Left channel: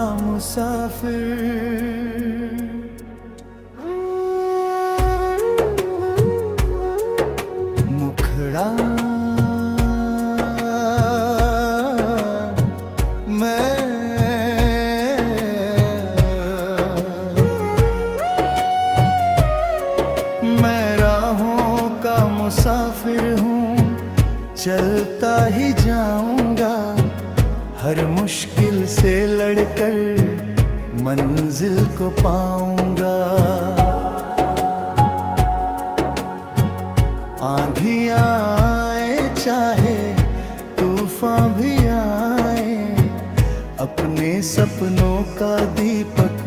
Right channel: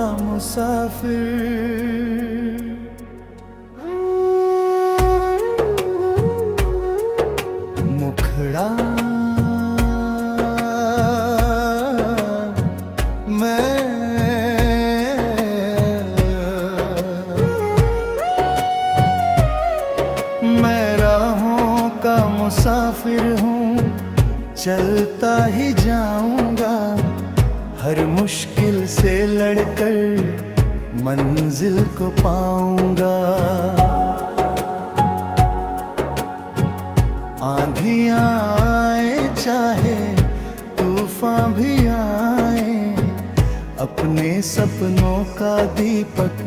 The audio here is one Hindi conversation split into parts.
का मुसाफिर। मुखड़ा मैं राहों का मुसाफिर हूँ, चलता ही जाऊंगा, हर मुश्किल से लड़कर मंजिल को पाऊंगा। आंधियां आए चाहे तूफान भी आए, अपने सपनों का दीपक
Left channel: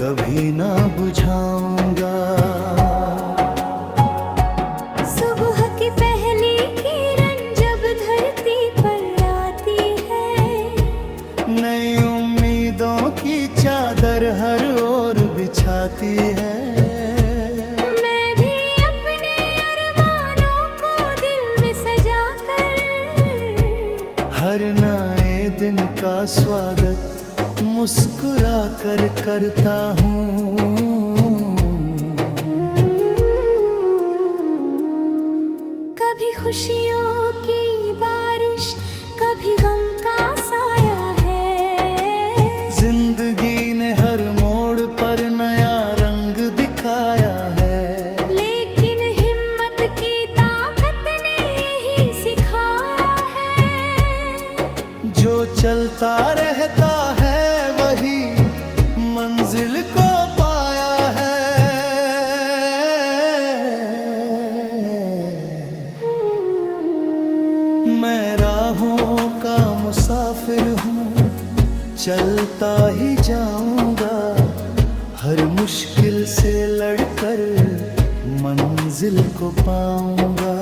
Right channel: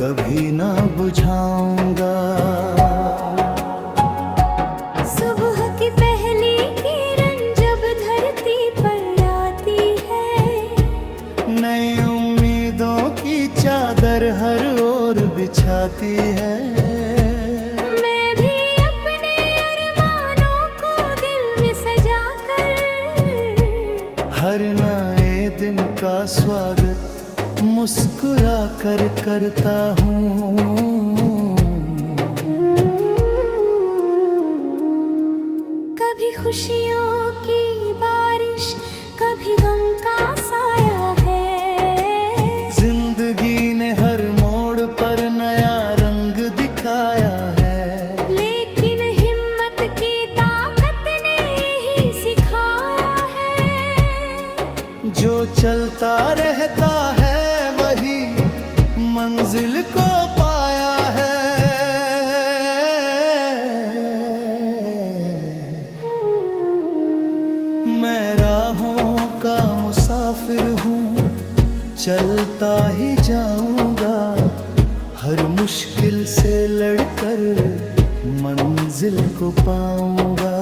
कभी ना बुझाऊंगा। सुबह की पहली किरण जब धरती पर आती है, नई उम्मीदों की चादर हर ओर बिछाती है। मैं भी अपने अरमानों को दिल में सजा कर, हर नए दिन का स्वागत मुस्कुरा कर करता हूँ। कभी खुशियों की बारिश, कभी गम का साया है। जिंदगी ने हर मोड़ पर नया रंग दिखाया है, लेकिन हिम्मत की ताकत ने यही सिखाया है। जो चलता रहता है वही मंजिल को पाया है। मैं राहों का मुसाफिर हूँ, चलता ही जाऊंगा, हर मुश्किल से लड़कर मंजिल को पाऊंगा।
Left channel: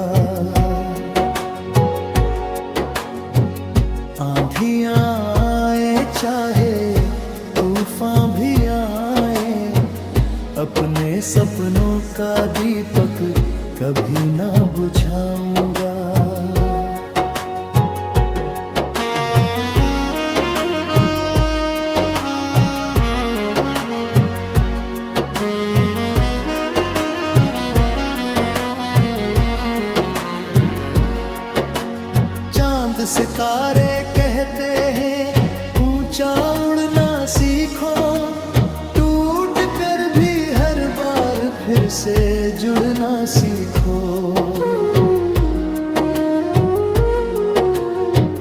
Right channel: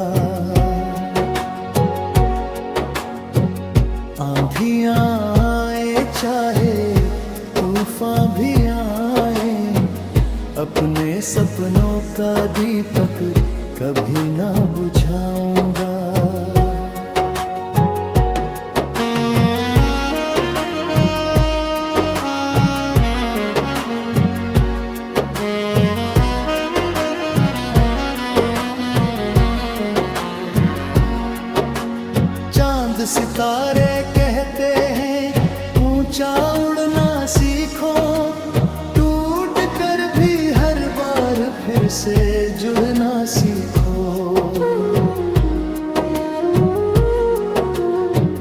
आंधियां आए चाहे तूफान भी आए, अपने सपनों का दीपक कभी ना बुझाऊंगा। चांद सितारे कहते हैं ऊंचा उड़ना सीखो, टूट कर भी हर बार फिर से जुड़ना सीखो।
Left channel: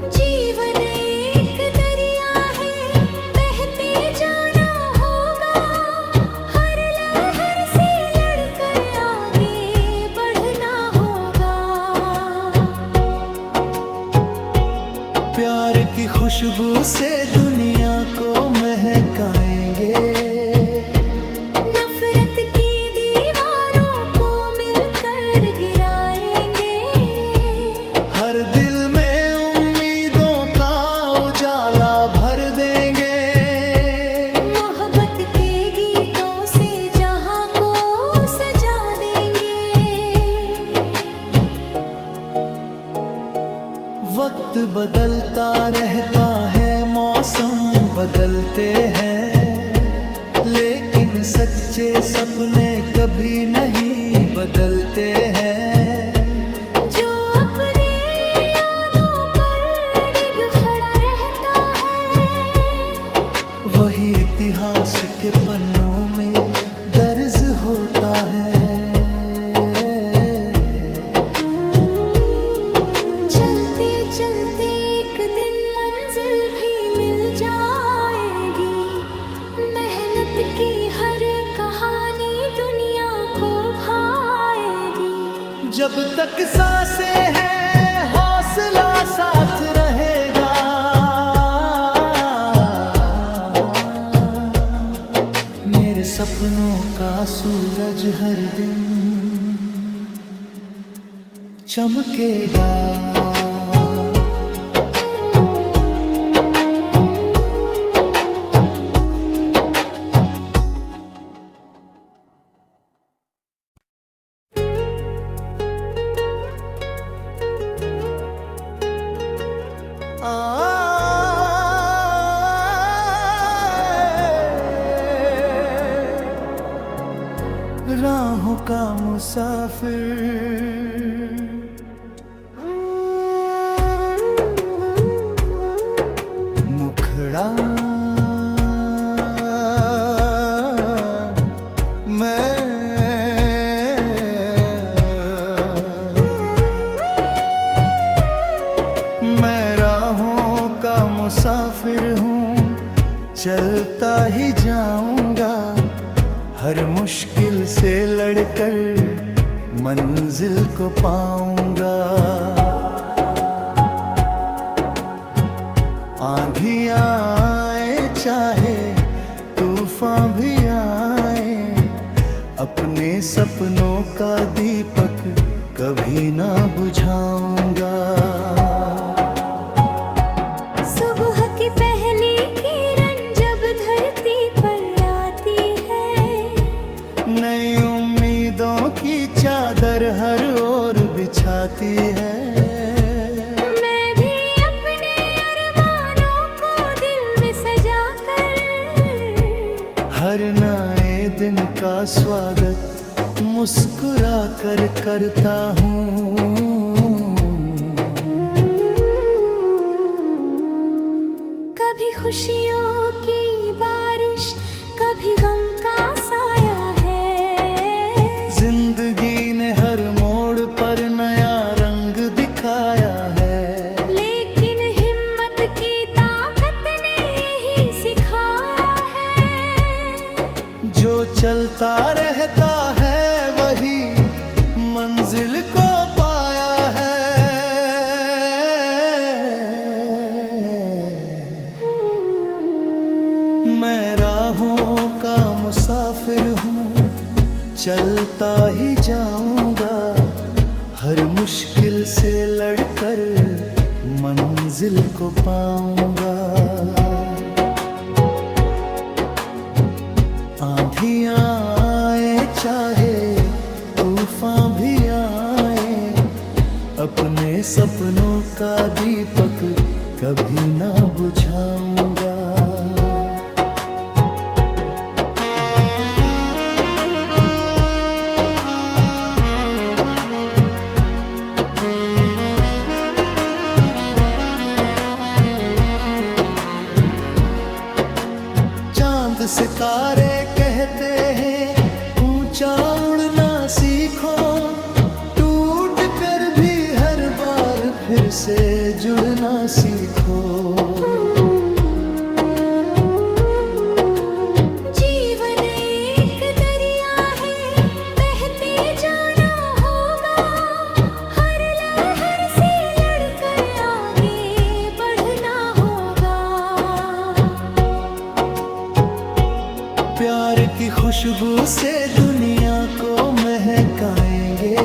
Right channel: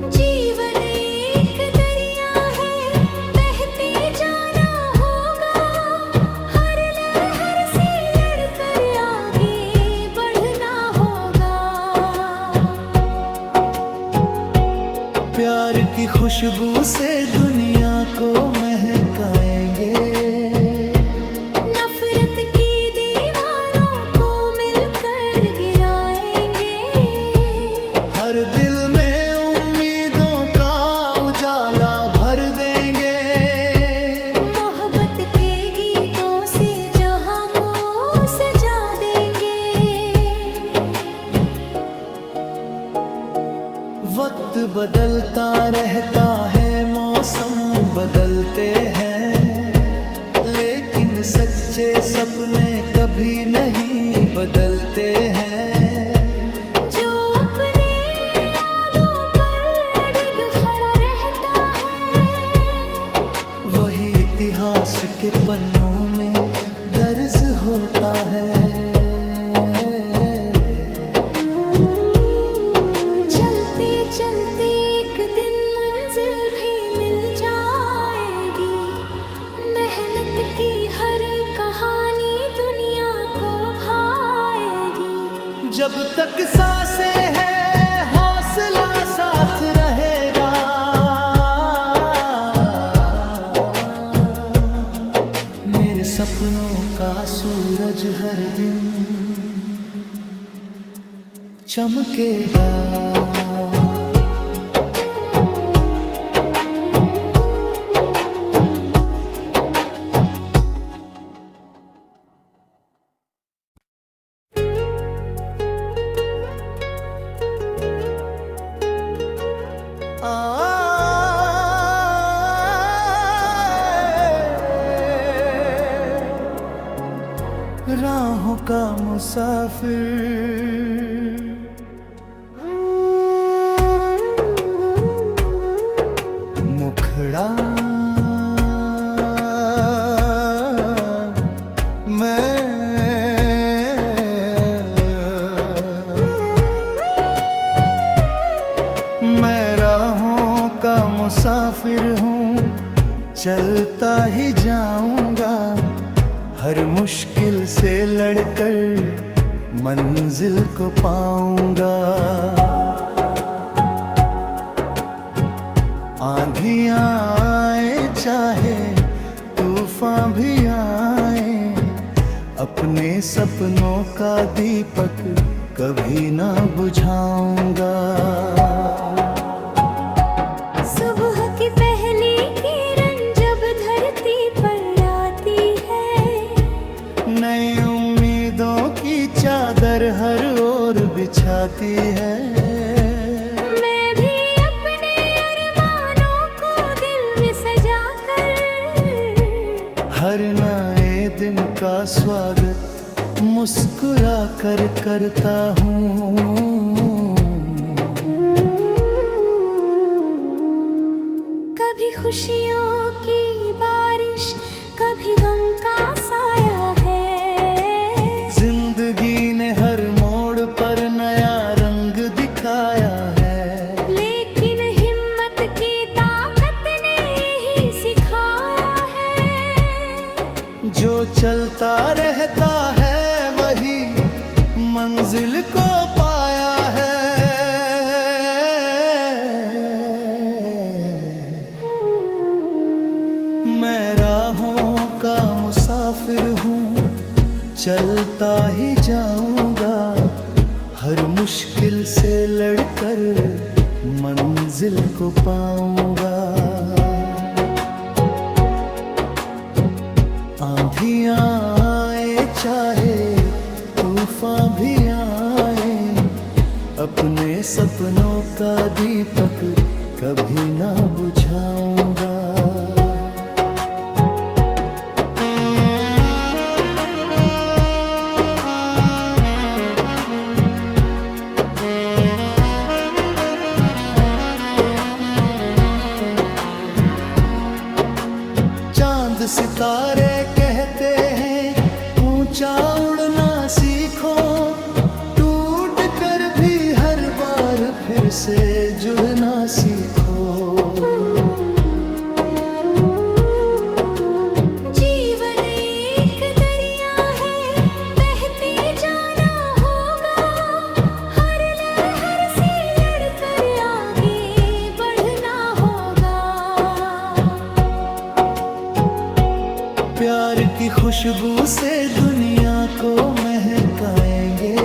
जीवन एक दरिया है, बहते जाना होगा, हर लहर से लड़कर आगे बढ़ना होगा। प्यार की खुशबू से दुनिया को महकाएंगे, नफरत की दीवारों को मिलकर गिराएंगे। हर दिल में उम्मीदों का उजाला भर देंगे। मोहब्बत के गीतों से जहां को सजा देंगे। वक्त बदलता रहता है, मौसम बदलते हैं, लेकिन सच्चे सपने कभी नहीं बदलते हैं। जो अपने यादों पर अडिग खड़ा रहता है, वही इतिहास के पन्नों में दर्ज होता है। चलते चलते एक दिन मंजिल भी मिल जाएगी, मेहनत की हर कहानी दुनिया को भाएगी। जब तक सांसें हैं हौसला साथ रहेगा, मेरे सपनों का सूरज हर दिन चमकेगा। राहों का मुसाफिर, मुखड़ा मैं राहों का मुसाफिर हूँ, चलता ही जाऊंगा, हर मुश्किल से लड़कर मंजिल को पाऊंगा। आंधियां आए चाहे तूफान भी आए, अपने सपनों का दीपक कभी ना बुझाऊंगा। सुबह की पहली किरण जब धरती पर आती है, नई उम्मीदों की चादर हर ओर बिछाती है। मैं भी अपने अरमानों को दिल में सजा कर, हर नए दिन का स्वागत मुस्कुरा कर करता हूँ। कभी खुशियों की बारिश, कभी गम का साया है। जिंदगी ने हर मोड़ पर नया रंग दिखाया है, लेकिन हिम्मत की ताकत ने यही सिखाया है। जो चलता रहता है वही मंजिल को पाया है। मैं राहों का मुसाफिर हूँ, चलता ही जाऊंगा, हर मुश्किल से लड़कर मंजिल को पाऊंगा। आंधियां आए चाहे तूफान भी आए, अपने सपनों का दीपक कभी ना बुझाऊंगा। चांद सितारे कहते हैं ऊंचा उड़ना सीखो, टूट कर भी हर बार फिर से जुड़ना सीखो। जीवन एक दरिया है, बहते जाना होगा, हर लहर से लड़कर आगे बढ़ना होगा। प्यार की खुशबू से दुनिया को महकाएंगे,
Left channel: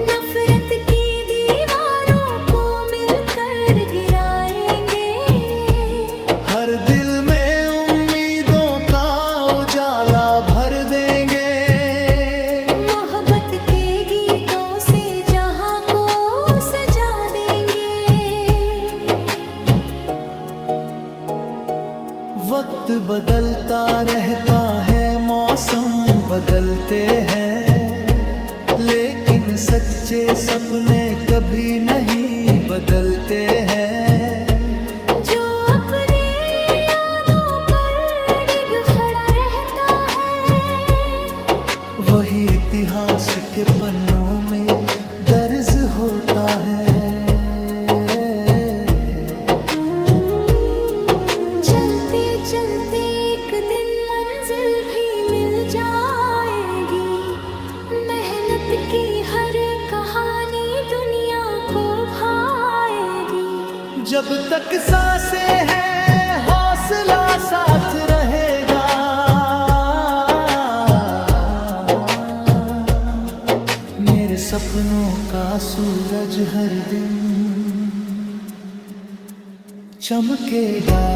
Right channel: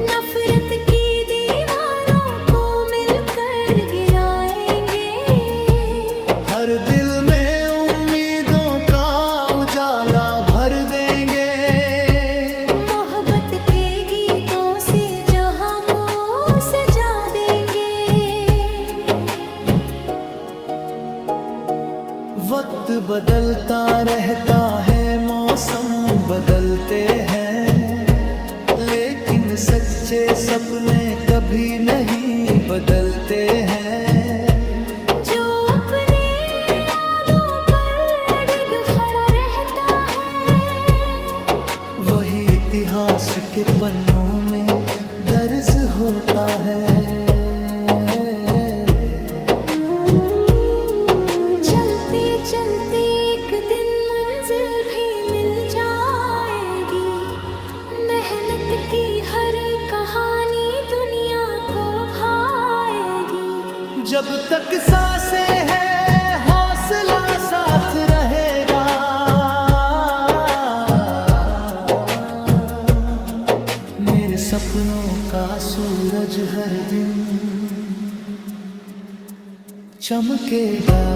नफरत की दीवारों को मिलकर गिराएंगे। हर दिल में उम्मीदों का उजाला भर देंगे। मोहब्बत के गीतों से जहां को सजा देंगे। वक्त बदलता रहता है, मौसम बदलते हैं, लेकिन सच्चे सपने कभी नहीं बदलते हैं। जो अपने यादों पर अडिग खड़ा रहता है, वही इतिहास के पन्नों में दर्ज होता है। चलते चलते एक दिन मंजिल भी मिल जाएगी, मेहनत की हर कहानी दुनिया को भाएगी। जब तक सांसें हैं हौसला साथ रहेगा, मेरे सपनों का सूरज हर दिन चमकेगा।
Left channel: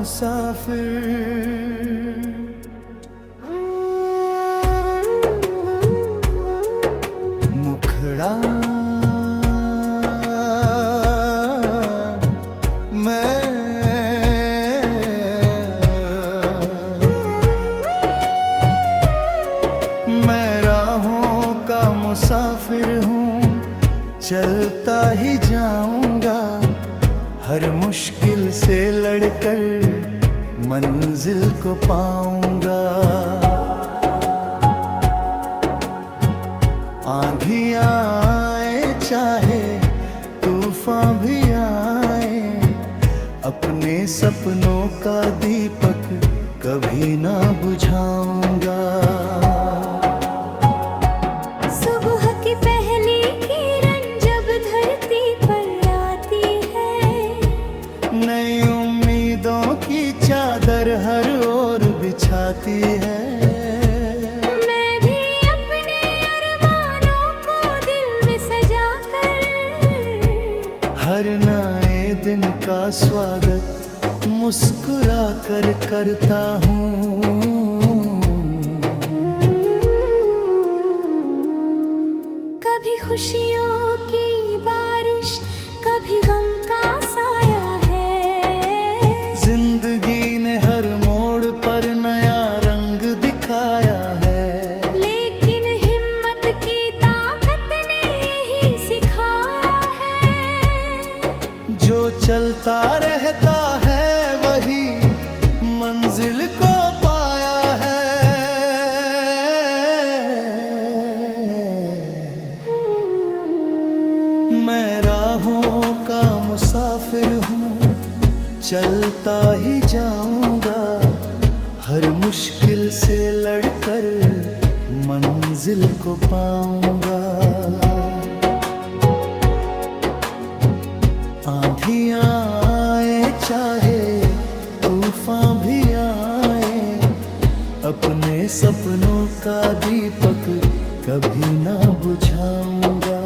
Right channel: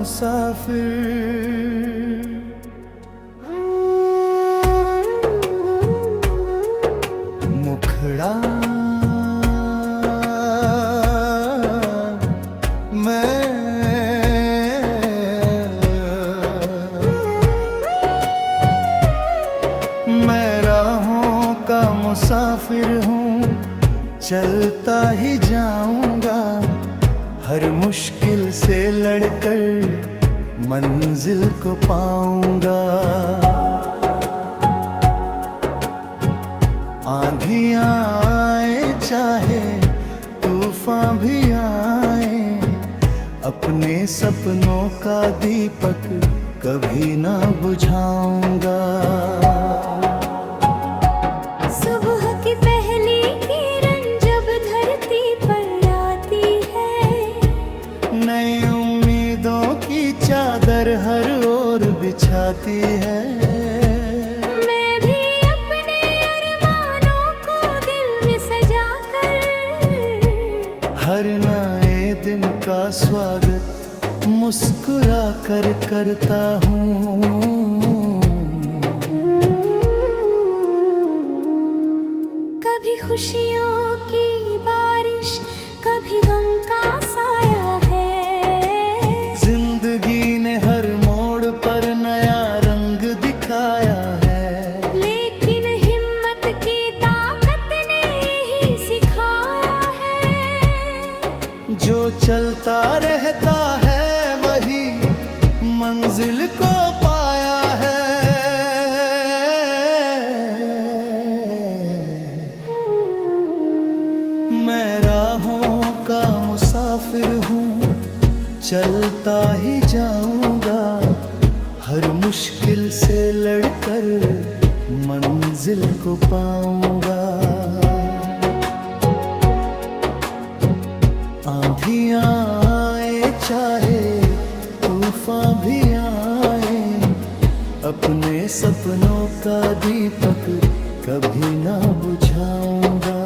मुसाफिर। मुखड़ा मैं राहों का मुसाफिर हूँ, चलता ही जाऊंगा, हर मुश्किल से लड़कर मंजिल को पाऊंगा। आंधियां आए चाहे तूफान भी आए, अपने सपनों का दीपक कभी ना बुझाऊंगा। सुबह की पहली किरण जब धरती पर आती है, नई उम्मीदों की चादर हर ओर बिछाती है। मैं भी अपने अरमानों को दिल में सजा कर, हर नए दिन का स्वागत मुस्कुरा कर करता हूँ। कभी खुशियों की बारिश, कभी गम का साया है। जिंदगी ने हर मोड़ पर नया रंग दिखाया है, लेकिन हिम्मत की ताकत ने यही सिखाया है। जो चलता रहता है वही मंजिल को पाया है। मैं राहों का मुसाफिर हूँ, चलता ही जाऊंगा, हर मुश्किल से लड़कर मंजिल को पाऊंगा। आंधियां आए चाहे तूफान भी आए, अपने सपनों का दीपक कभी ना बुझाऊंगा।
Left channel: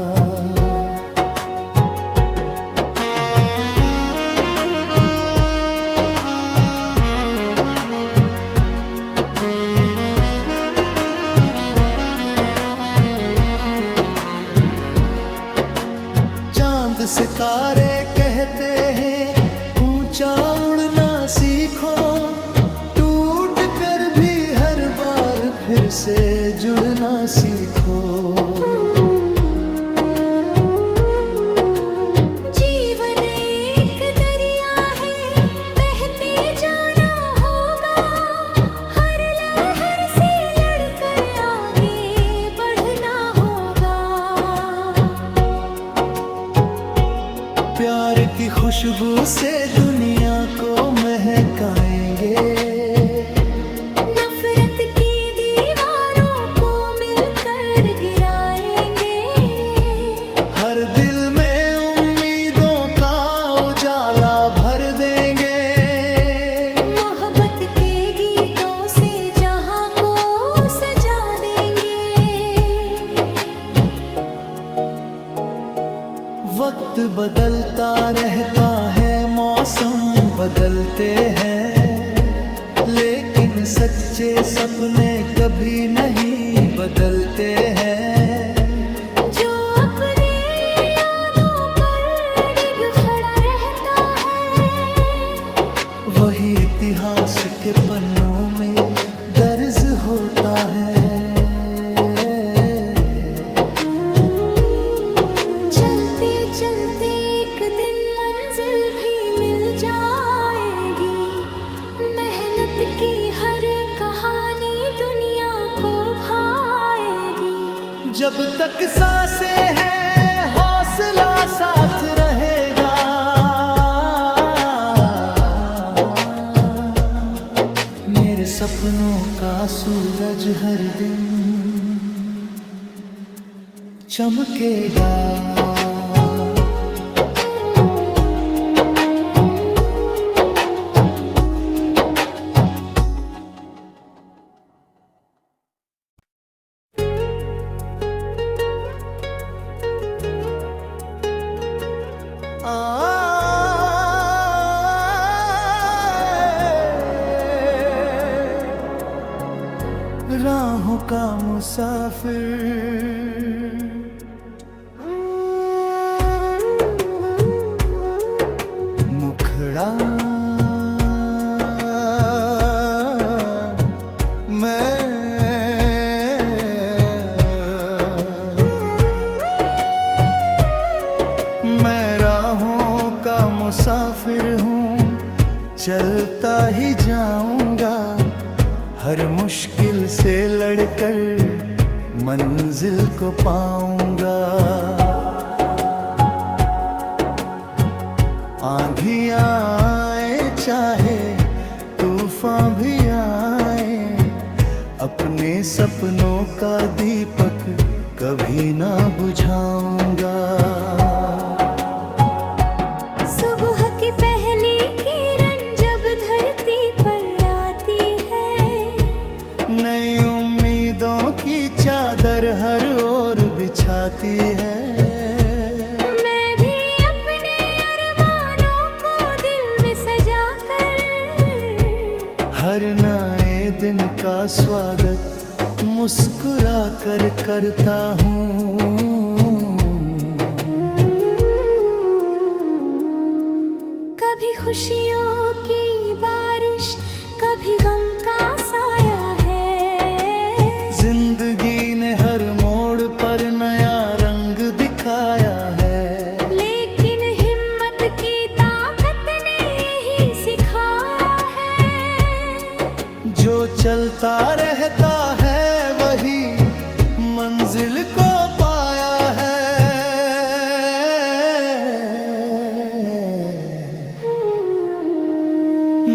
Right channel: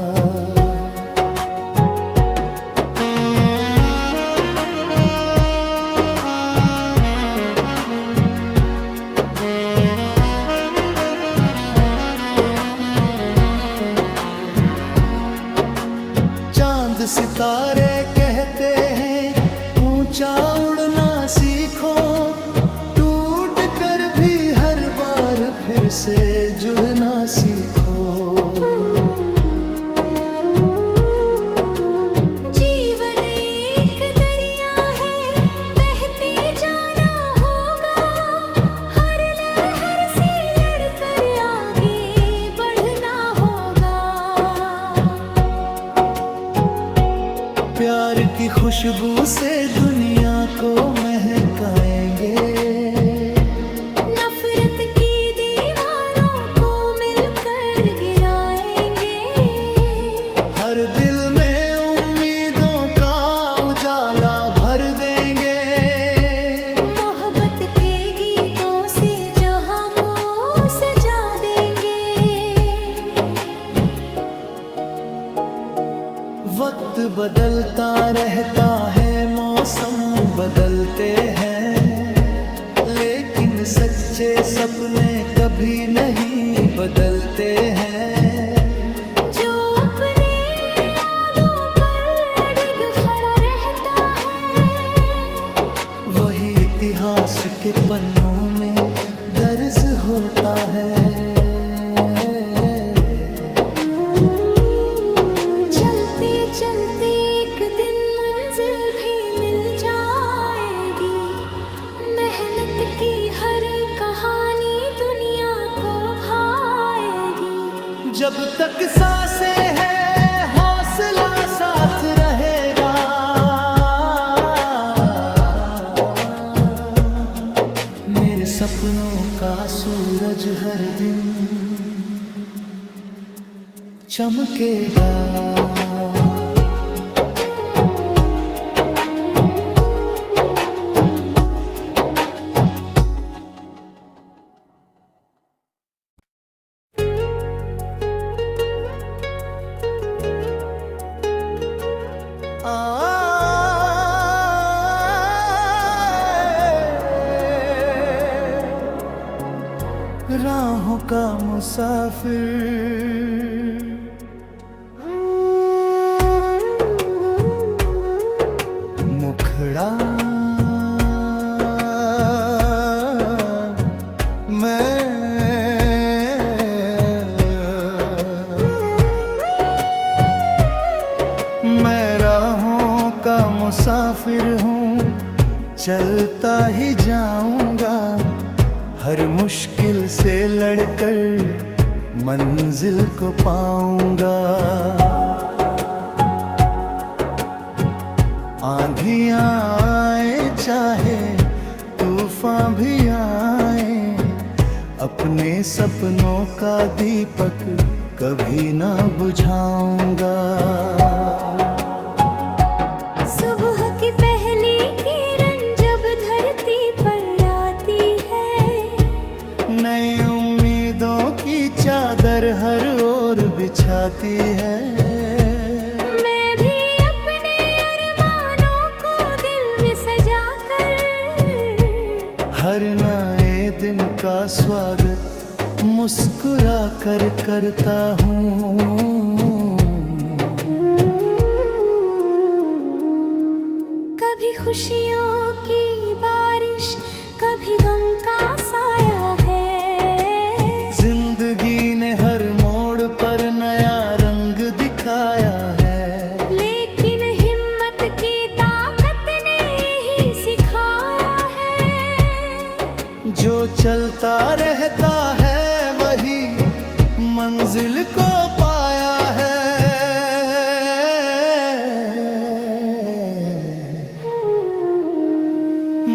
चांद सितारे कहते हैं ऊंचा उड़ना सीखो, टूट कर भी हर बार फिर से जुड़ना सीखो। जीवन एक दरिया है, बहते जाना होगा, हर लहर से लड़कर आगे बढ़ना होगा। प्यार की खुशबू से दुनिया को महकाएंगे, नफरत की दीवारों को मिलकर गिराएंगे। हर दिल में उम्मीदों का उजाला भर देंगे। मोहब्बत के गीतों से जहां को सजा देंगे। वक्त बदलता रहता है, मौसम बदलते हैं, लेकिन सच्चे सपने कभी नहीं बदलते हैं। जो अपने यादों पर अडिग खड़ा रहता है, वही इतिहास के पन्नों में दर्ज होता है। चलते एक दिन मंजिल भी मिल जाएगी, मेहनत की हर कहानी दुनिया को भाएगी। जब तक सांसें हैं हौसला साथ रहेगा, मेरे सपनों का सूरज हर दिन चमकेगा। मुसाफिर। मुखड़ा मैं राहों का मुसाफिर हूँ, चलता ही जाऊंगा, हर मुश्किल से लड़कर मंजिल को पाऊंगा। आंधियां आए चाहे तूफान भी आए, अपने सपनों का दीपक कभी ना बुझाऊंगा। सुबह की पहली किरण जब धरती पर आती है, नई उम्मीदों की चादर हर ओर बिछाती है। मैं भी अपने अरमानों को दिल में सजाकर हर नए दिन का स्वागत मुस्कुरा कर करता हूँ। कभी खुशियों की बारिश, कभी गम का साया है। जिंदगी ने हर मोड़ पर नया रंग दिखाया है, लेकिन हिम्मत की ताकत ने यही सिखाया है। जो चलता रहता है वही मंजिल को पाया है।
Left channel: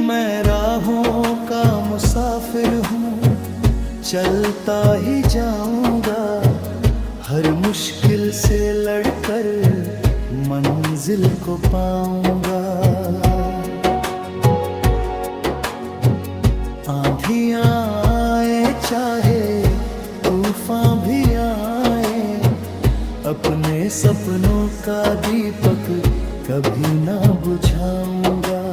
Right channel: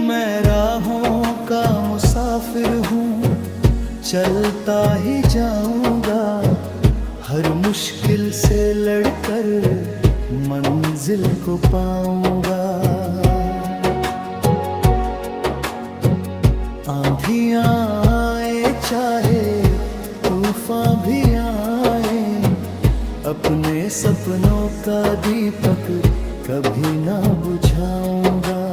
मैं राहों का मुसाफिर हूँ, चलता ही जाऊंगा, हर मुश्किल से लड़कर मंजिल को पाऊंगा। आंधियां आए चाहे तूफान भी आए, अपने सपनों का दीपक कभी ना बुझाऊंगा।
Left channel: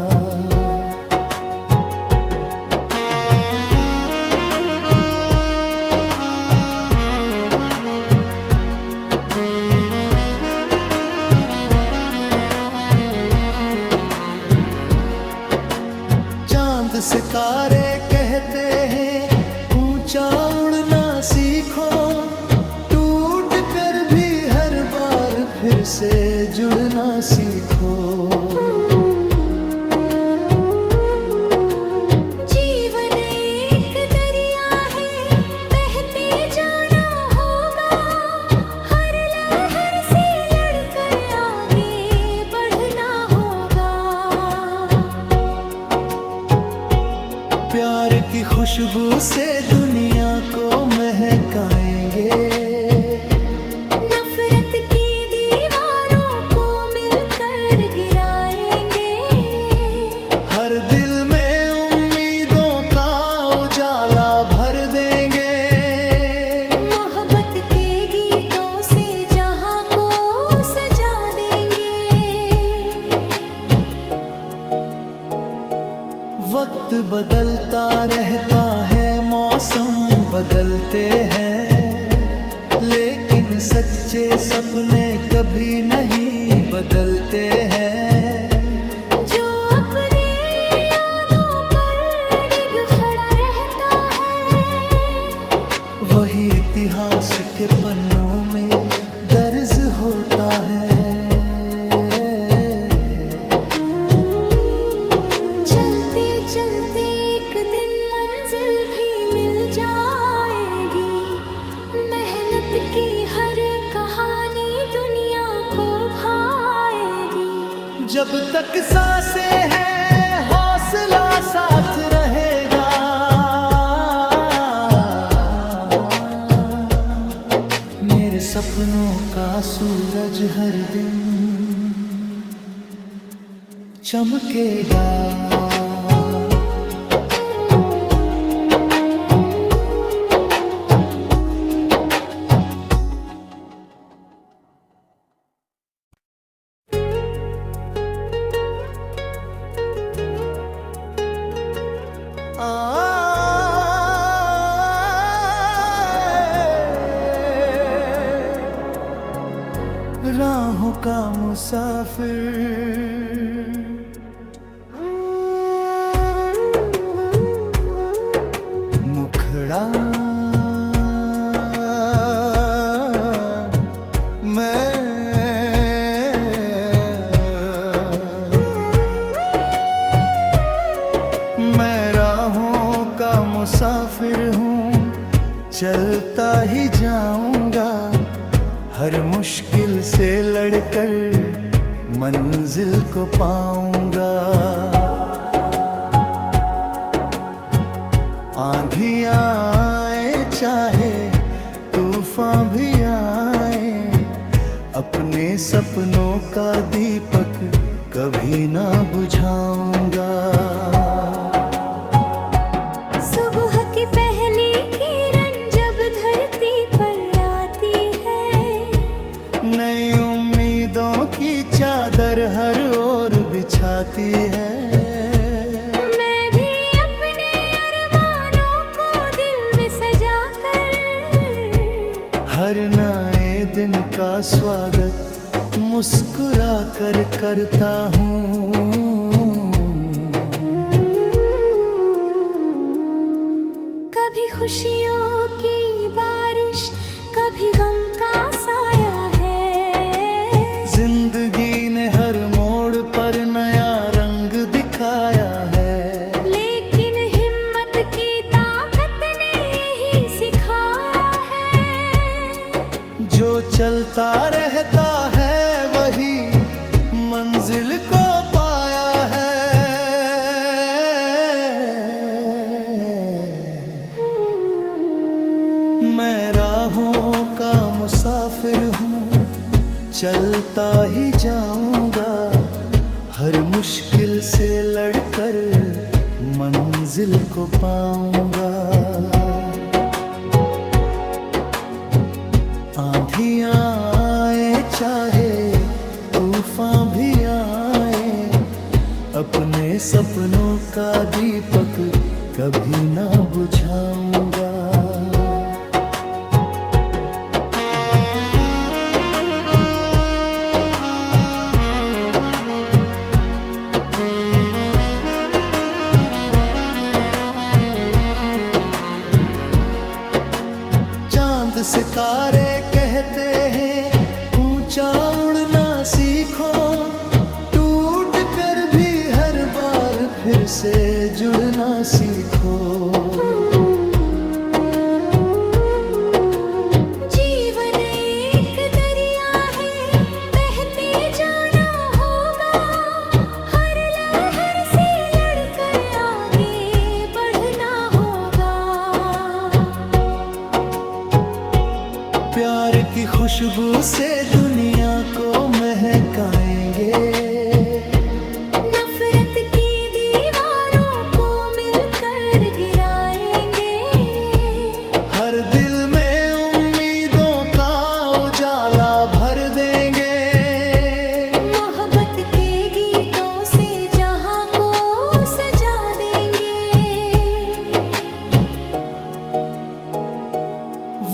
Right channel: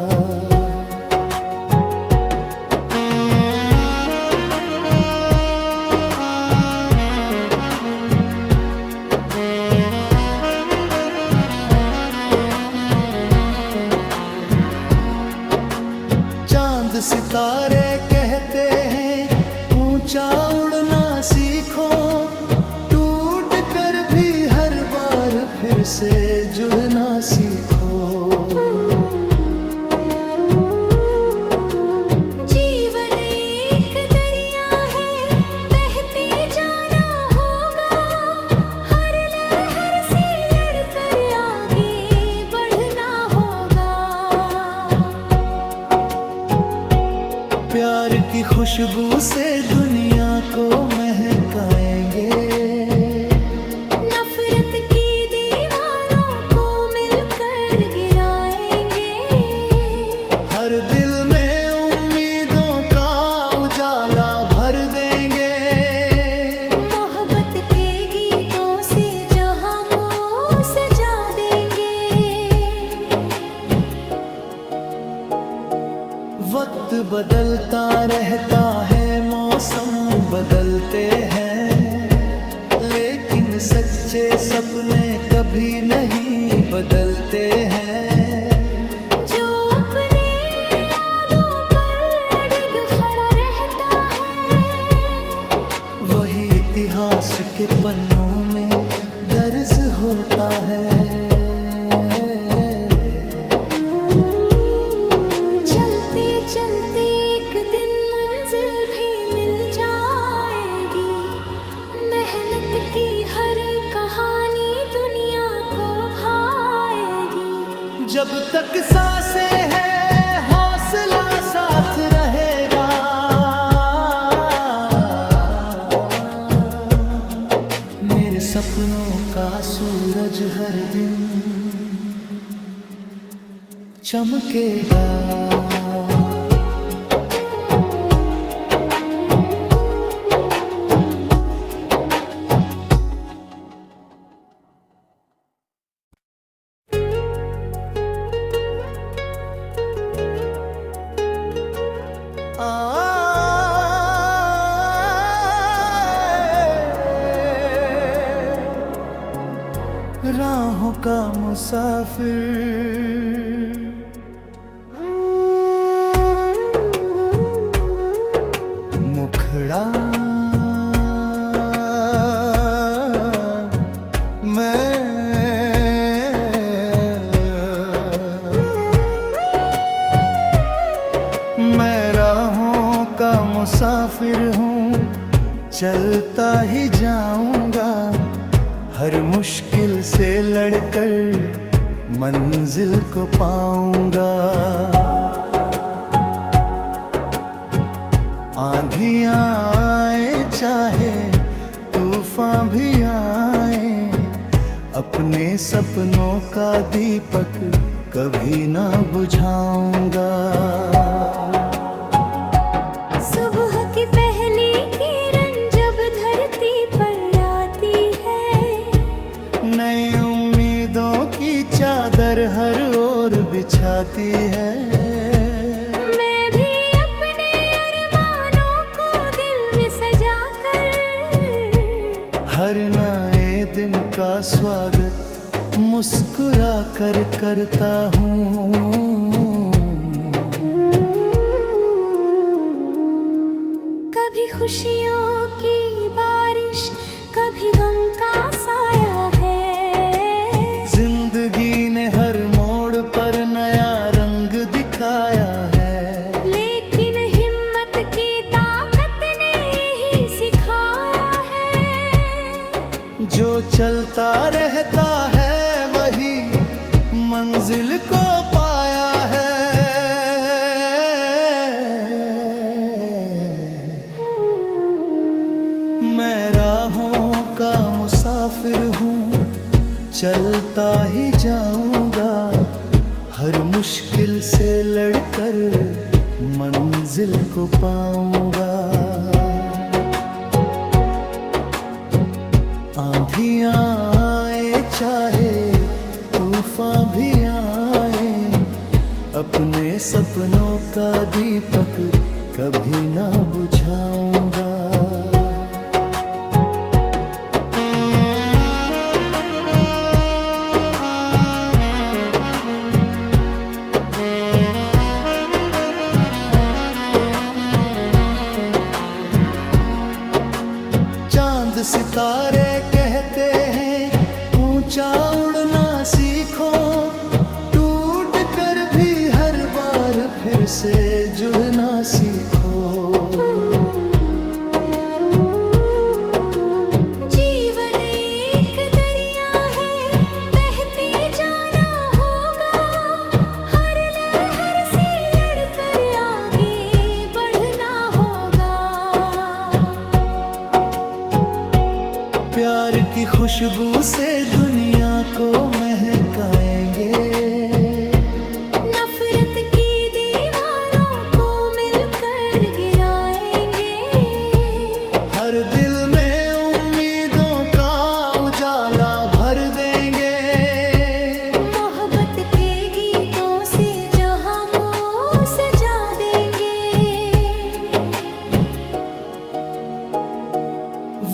चांद सितारे कहते हैं ऊंचा उड़ना सीखो, टूट कर भी हर बार फिर से जुड़ना सीखो। जीवन एक दरिया है, बहते जाना होगा, हर लहर से लड़कर आगे बढ़ना होगा। प्यार की खुशबू से दुनिया को महकाएंगे, नफरत की दीवारों को मिलकर गिराएंगे। हर दिल में उम्मीदों का उजाला भर देंगे। मोहब्बत के गीतों से जहां को सजा देंगे। वक्त बदलता रहता है, मौसम बदलते हैं, लेकिन सच्चे सपने कभी नहीं बदलते हैं। जो अपने यादों पर अडिग खड़ा रहता है, वही इतिहास के पन्नों में दर्ज होता है। चलते चलते एक दिन मंजिल भी मिल जाएगी, मेहनत की हर कहानी दुनिया को भाएगी। जब तक सांसें हैं हौसला साथ रहेगा, मेरे सपनों का सूरज हर दिन चमकेगा। राहों का मुसाफिर। मुखड़ा मैं राहों का मुसाफिर हूँ, चलता ही जाऊंगा, हर मुश्किल से लड़कर मंजिल को पाऊंगा। आंधियां आए चाहे तूफान भी आए, अपने सपनों का दीपक कभी ना बुझाऊंगा। सुबह की पहली किरण जब धरती पर आती है, नई उम्मीदों की चादर हर ओर बिछाती है। मैं भी अपने अरमानों को दिल में सजा कर, हर नए दिन का स्वागत मुस्कुरा कर करता हूँ। कभी खुशियों की बारिश, कभी गम का साया है। जिंदगी ने हर मोड़ पर नया रंग दिखाया है, लेकिन हिम्मत की ताकत ने यही सिखाया है। जो चलता रहता है वही मंजिल को पाया है। मैं राहों का मुसाफिर हूँ, चलता ही जाऊंगा, हर मुश्किल से लड़कर मंजिल को पाऊंगा। आंधियां आए चाहे तूफान भी आए, अपने सपनों का दीपक कभी ना बुझाऊंगा। चांद सितारे कहते हैं ऊंचा उड़ना सीखो, टूट कर भी हर बार फिर से जुड़ना सीखो। जीवन एक दरिया है, बहते जाना होगा, हर लहर से लड़कर आगे बढ़ना होगा। प्यार की खुशबू से दुनिया को महकाएंगे, नफरत की दीवारों को मिलकर गिराएंगे। हर दिल में उम्मीदों का उजाला भर देंगे। मोहब्बत के गीतों से जहां को सजा देंगे।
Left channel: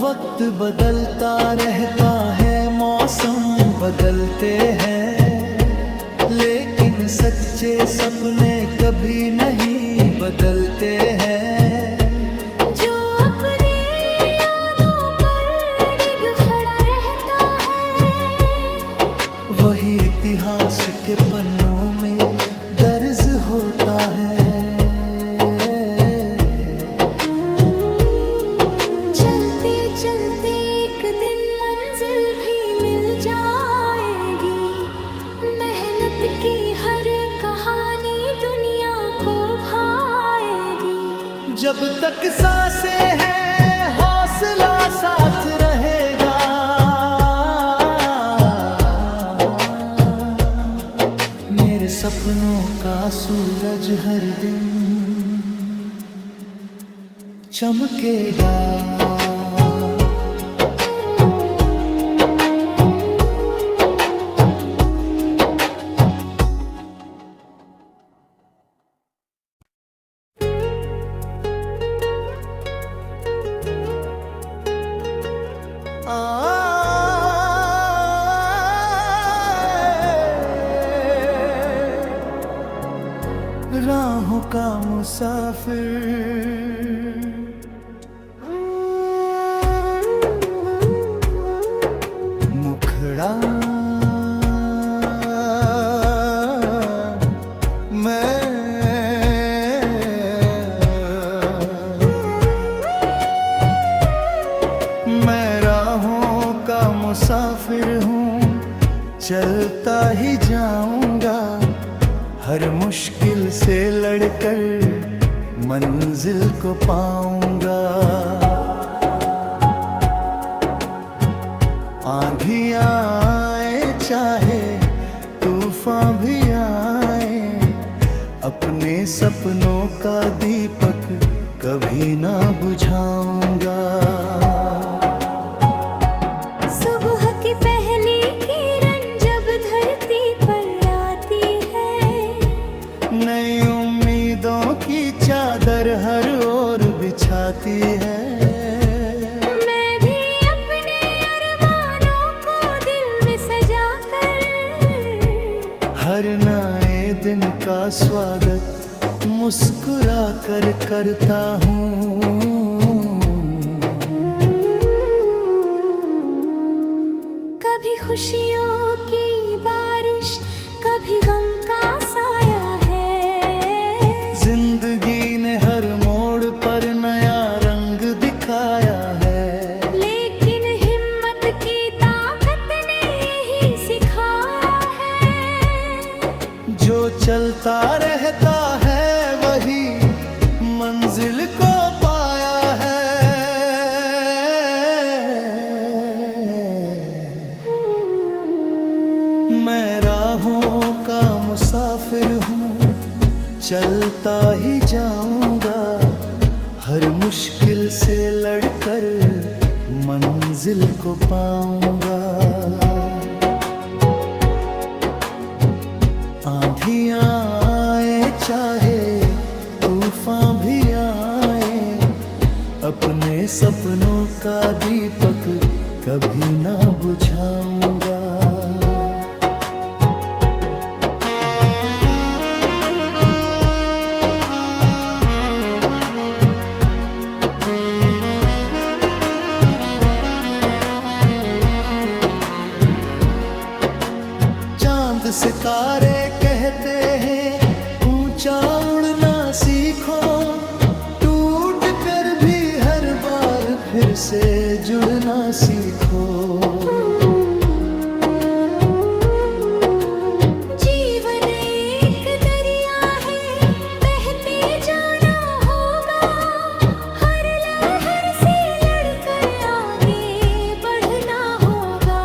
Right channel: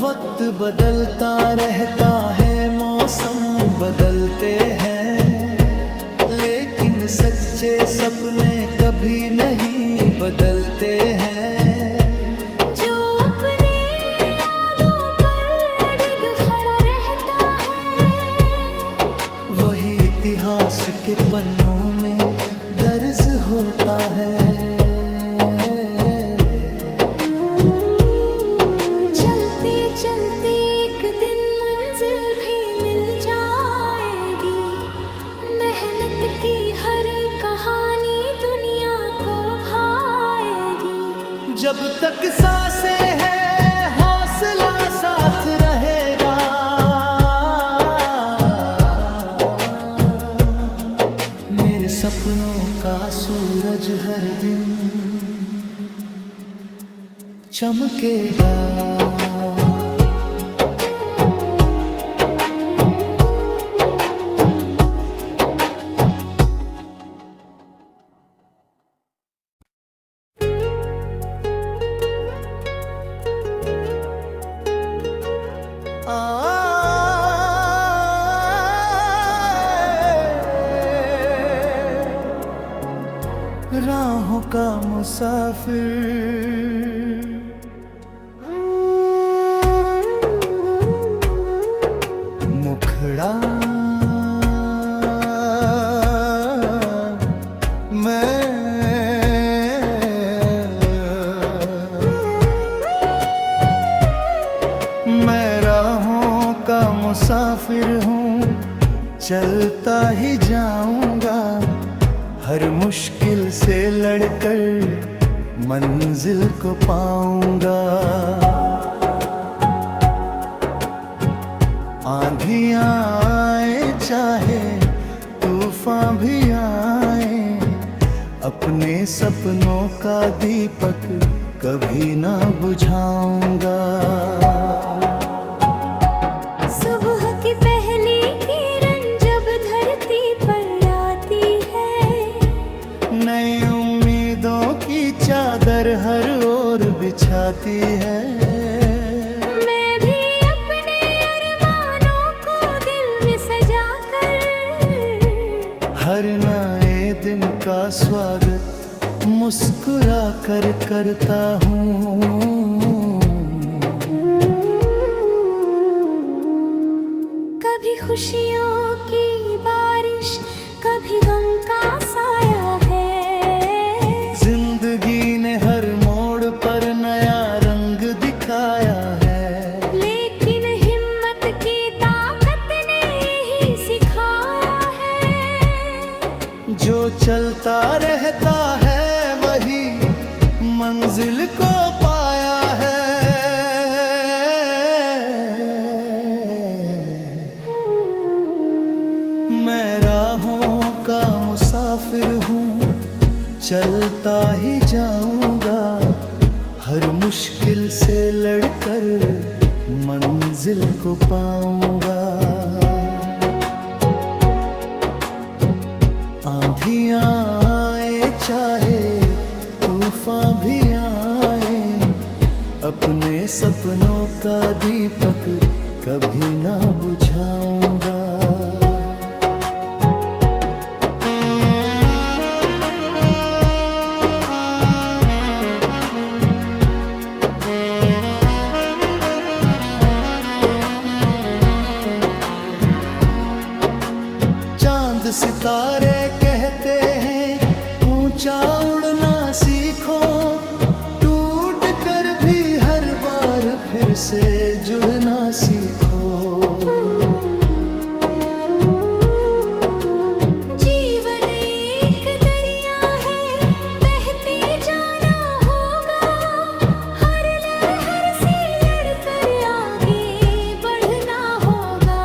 वक्त बदलता रहता है, मौसम बदलते हैं, लेकिन सच्चे सपने कभी नहीं बदलते हैं। जो अपने यादों पर अडिग खड़ा रहता है, वही इतिहास के पन्नों में दर्ज होता है। चलते चलते एक दिन मंजिल भी मिल जाएगी, मेहनत की हर कहानी दुनिया को भाएगी। जब तक सांसें हैं हौसला साथ रहेगा, मेरे सपनों का सूरज हर दिन चमकेगा। का मुसाफिर। मुखड़ा मैं राहों का मुसाफिर हूँ, चलता ही जाऊंगा, हर मुश्किल से लड़कर मंजिल को पाऊंगा। आंधियां आए चाहे तूफान भी आए, अपने सपनों का दीपक कभी ना बुझाऊंगा। सुबह की पहली किरण जब धरती पर आती है, नई उम्मीदों की चादर हर ओर बिछाती है। मैं भी अपने अरमानों को दिल में सजा कर, हर नए दिन का स्वागत मुस्कुरा कर करता हूँ। कभी खुशियों की बारिश, कभी गम का साया है। जिंदगी ने हर मोड़ पर नया रंग दिखाया है, लेकिन हिम्मत की ताकत ने यही सिखाया है। जो चलता रहता है वही मंजिल को पाया है। मैं राहों का मुसाफिर हूँ, चलता ही जाऊंगा, हर मुश्किल से लड़कर मंजिल को पाऊंगा। आंधियां आए चाहे तूफान भी आए, अपने सपनों का दीपक कभी ना बुझाऊंगा। चांद सितारे कहते हैं ऊंचा उड़ना सीखो, टूट कर भी हर बार फिर से जुड़ना सीखो। जीवन एक दरिया है, बहते जाना होगा, हर लहर से लड़कर आगे बढ़ना होगा।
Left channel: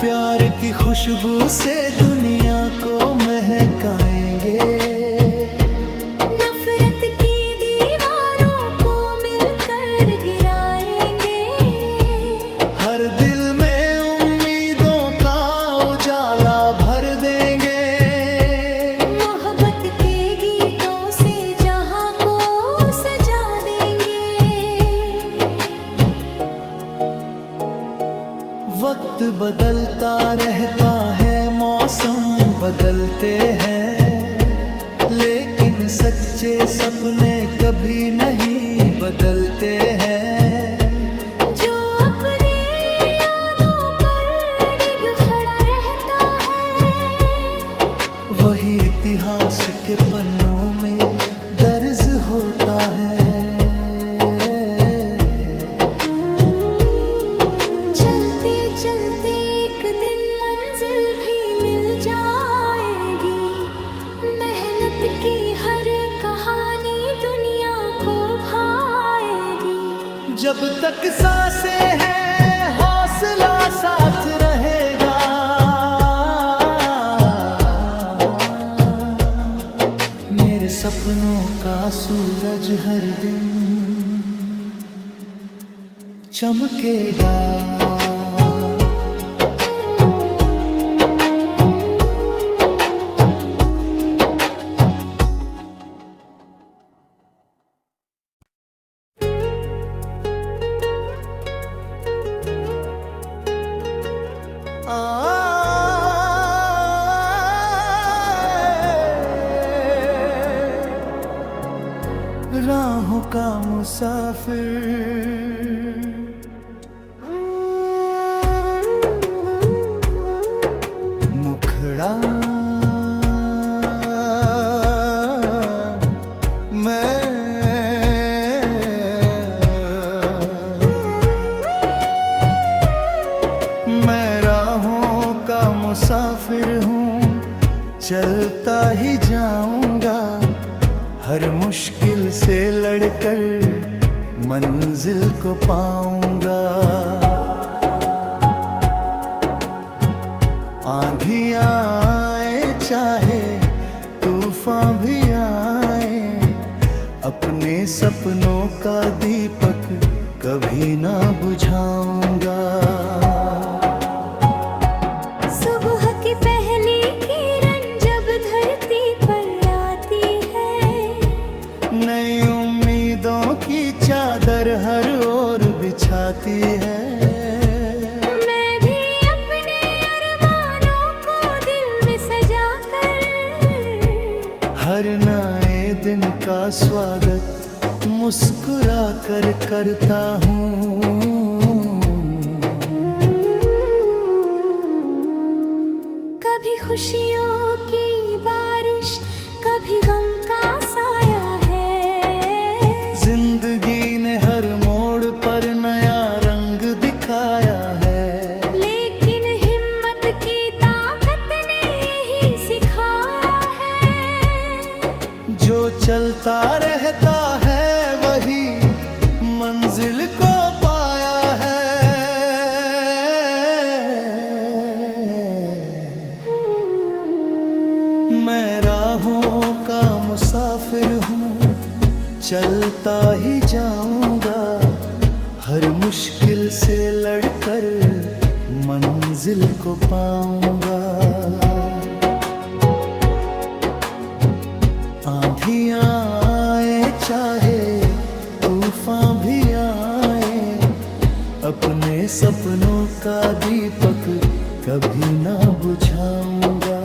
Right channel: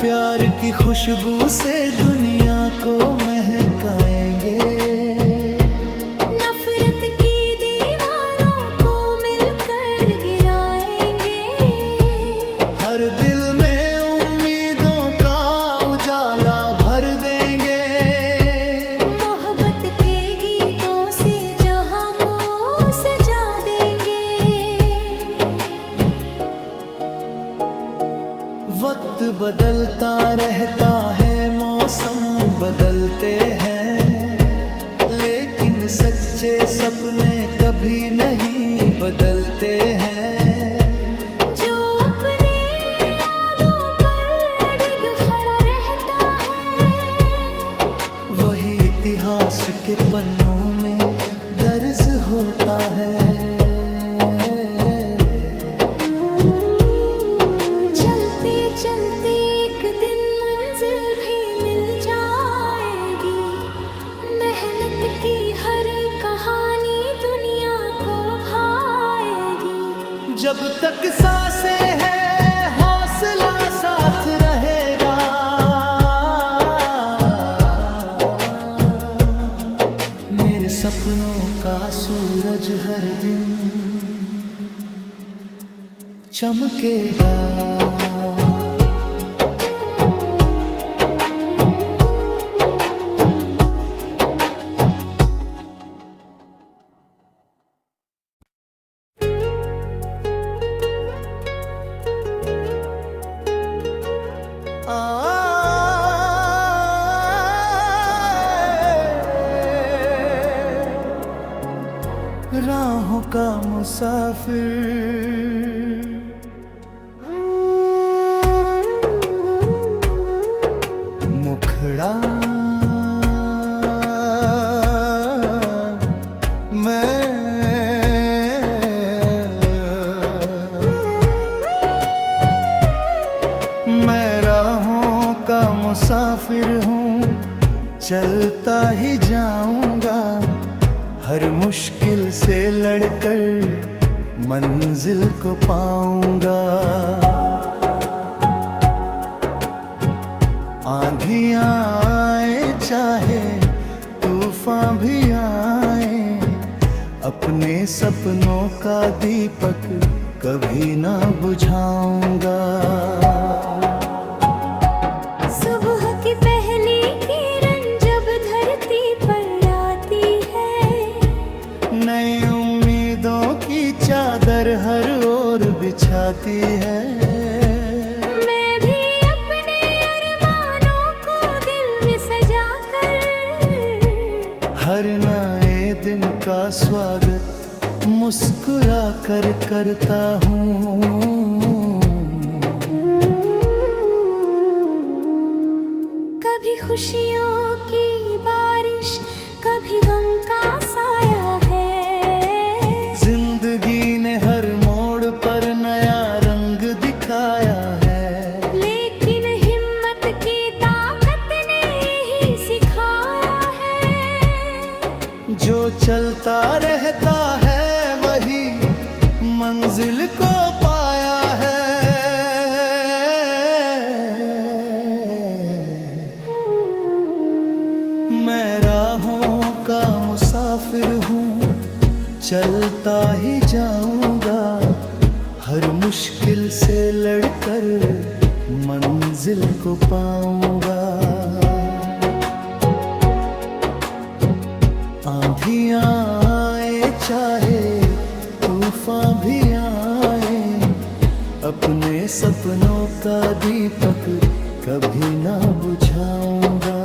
प्यार की खुशबू से दुनिया को महकाएंगे, नफरत की दीवारों को मिलकर गिराएंगे। हर दिल में उम्मीदों का उजाला भर देंगे। मोहब्बत के गीतों से जहां को सजा देंगे। वक्त बदलता रहता है, मौसम बदलते हैं, लेकिन सच्चे सपने कभी नहीं बदलते हैं। जो अपने यादों पर अडिग खड़ा रहता है, वही इतिहास के पन्नों में दर्ज होता है। चलते चलते एक दिन मंजिल भी मिल जाएगी, मेहनत की हर कहानी दुनिया को भाएगी। जब तक सांसें हैं हौसला साथ रहेगा, मेरे सपनों का सूरज हर दिन चमकेगा। मुसाफिर। मुखड़ा मैं राहों का मुसाफिर हूँ, चलता ही जाऊंगा, हर मुश्किल से लड़कर मंजिल को पाऊंगा। आंधियां आए चाहे तूफान भी आए, अपने सपनों का दीपक कभी ना बुझाऊंगा। सुबह की पहली किरण जब धरती पर आती है, नई उम्मीदों की चादर हर ओर बिछाती है। मैं भी अपने अरमानों को दिल में सजा कर, हर नए दिन का स्वागत मुस्कुरा कर करता हूँ। कभी खुशियों की बारिश, कभी गम का साया है। जिंदगी ने हर मोड़ पर नया रंग दिखाया है, लेकिन हिम्मत की ताकत ने यही सिखाया है। जो चलता रहता है वही मंजिल को पाया है। मैं राहों का मुसाफिर हूँ, चलता ही जाऊंगा, हर मुश्किल से लड़कर मंजिल को पाऊंगा। आंधियां आए चाहे तूफान भी आए, अपने सपनों का दीपक कभी ना बुझाऊंगा।